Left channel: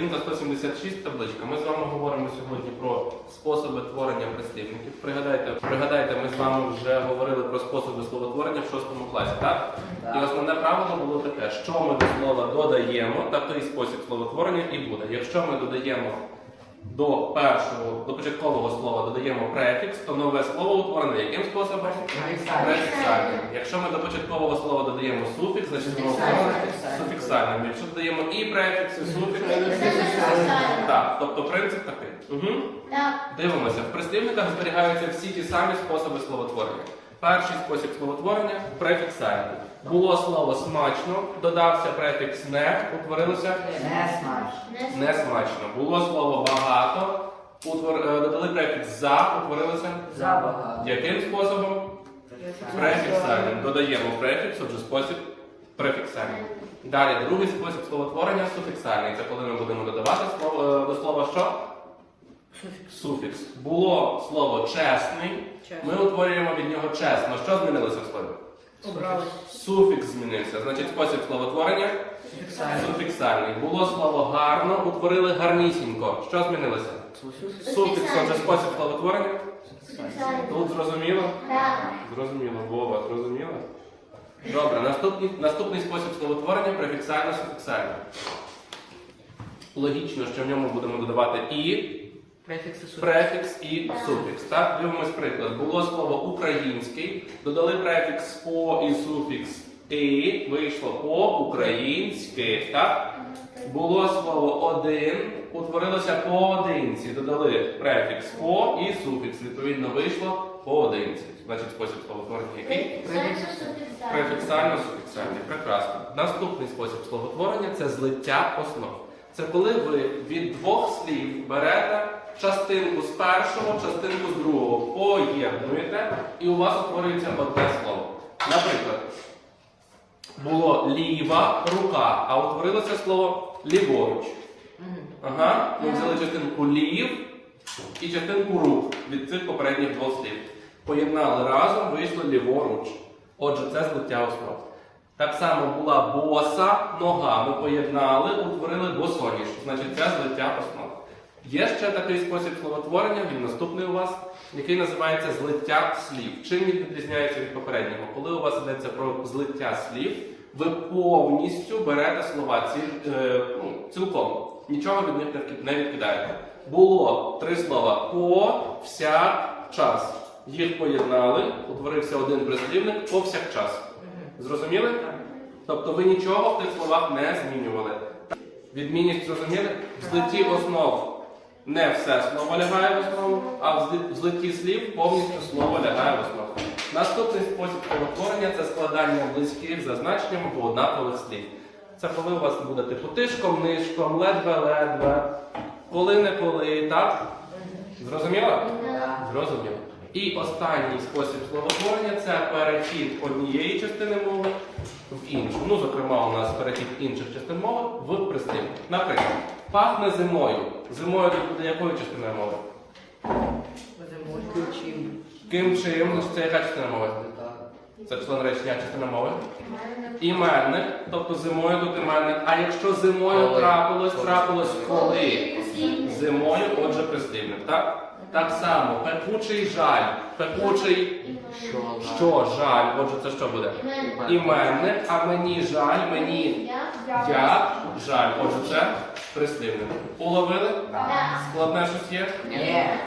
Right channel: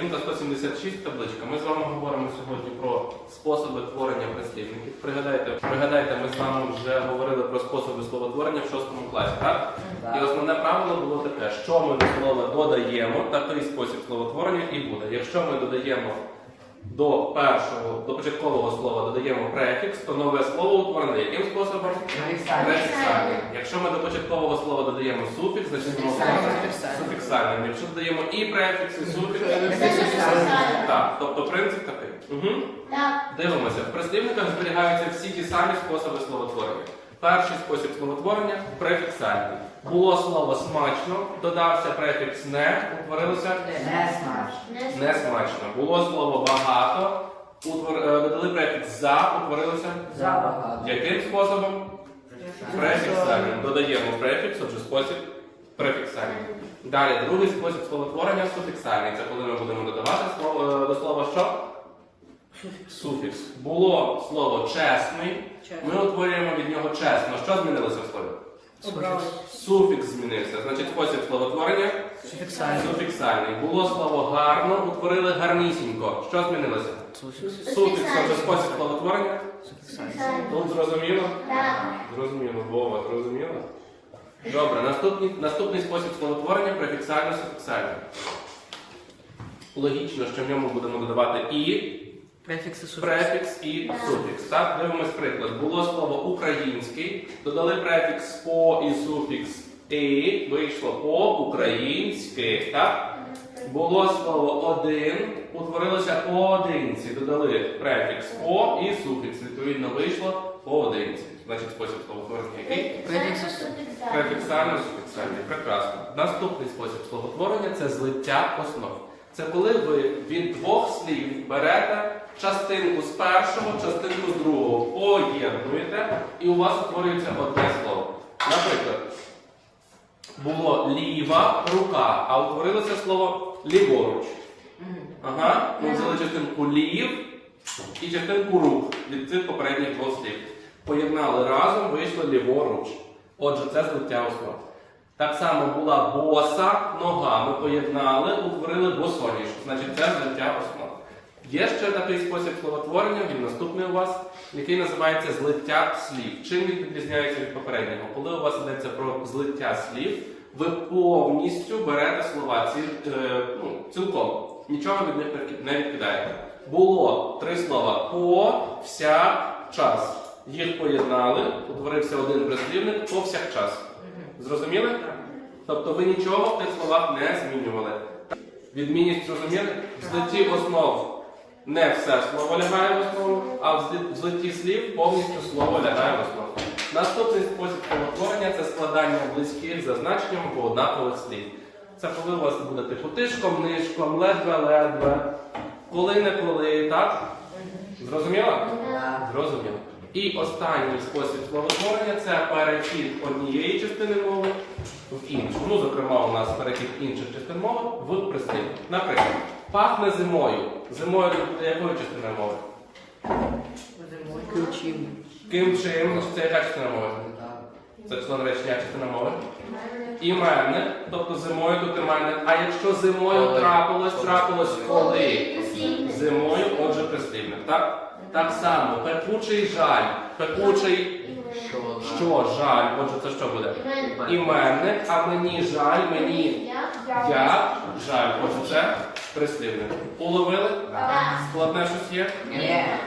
Сторінка 176 табличка. Ми з вами говоримо сьогодні про способи творення прислівників. Пригадайте, пригадайте, ми з вами вже говорили про способи словотворення в 6 класі, так? І основне правило було таке, що ми до слова додаємо, такий спосіб словотворення і буде. Якщо ми додаємо до першого, до початкового слова додаємо префікс, то нове слово утворене яким способом? Префіксальним. Якщо ми до початкового слова додаємо суфікс, значить воно утворене суфіксальним. Якщо додаємо і префікс, і суфікс, так, тобто принцип такий. Угу. Дивимося, в прислівниках зберігаються всі ті самі способи словотворення. Перший спосіб словотворення префіксальний. Було слово смачно, додався префікс не, утворилося Не смачно. не смачно. Було слово багато, утвор... е, додали префікс за, утворилося Забагато. яким способом? Префіксальним. Додаємо префікс, отже спосіб префіксальний. Далі, другий спосіб словотворення суфіксальний. Це коли ми будемо додавати слово, е, до слова що? Суфікс. Було слово чесний. Ми утворюємо від нього чесно. Що змінилося в слові? Суфікс змінився. Значить, спосіб словотворення суфіксальний. Було слово гарно, утворили гарнісінько. Що змінилося? Суфікс, отже, спосіб словотворення. Тут зрозуміло? Зрозуміло, Вова, зрозуміло? Добре, наступний, наступний спосіб словотворення префіксально-суфіксально. Логічно, що в ньому будемо додавати і Префікси префікс і суфікс. Так, дивимось приклад. Було слово український, додали префікс по і суфікс і, вийшло по-українськи. Так? Було слово один, утворилося поодинці, додали префікс по і суфікс. Відповідно, вийшло поодинці. Значить, спосіб словотворення який? Префіксально суфіксальний. Прекрасно. Наступний спосіб словотворення це злиття основ. Це коли ви від двох слів берете частинку з першого, частинку з другого, поєднуєте, і у вас утворюється одне слово. Наприклад, було ліва рука, а утворилося слово ліворуч. Ага, ми взяли частинку лів і частинку рук від цих попередніх двох слів. Поєднали разом, вийшло ліворуч. Отже, це злиття основ. Так само була боса нога. Ми поєднали, утворили босоніж. Значить, це злиття основ. Є ще такий спосіб словотворення, він наступний у вас, який називається злиття слів. Чим він відрізняється від попереднього? Коли у вас йдеться про злиття слів, ви повністю берете слова ці, е, ну, цілком. Нічого від них не відкидаєте. Було три слова по, всяк, час. Їх поєднали, утворився один прислівник повсякчас. Зрозуміли? Тобто ви нічого в тих словах не змінювали. Відмінність зрозуміли? В злитті основ не все слово лягає в основу, а в зли- злитті слів повністю слово лягає в основу. Наступний спосіб словотворення це складання близьких за значенням або однакових слів. Це коли у вас буде типу тишком, нишком, ледве-ледве, коли-не-коли, так? Зрозуміло? Зрозуміло. І останній спосіб словотворення це перехід однієї частини мови в іншу. Ну, зокрема, у нас перехід інших частин мови в прислів. Наприклад, пахне зимою. Зимою тут буде якою частиною мови? Ким чим? Це яка частина мови? Це член речення частина мови. Іменник, тобто зимою тут іменник. А якщо зимою Коли. трапилось, трапилось коли? Зимою, отже, прислівник. Так? Так само, пекучий жаль. Пекучий що жаль? Отже, це що буде? Іменник, а мені жаль, мені я жаль. Отже, це прислівник. Уловили? Складне щось є? Ні.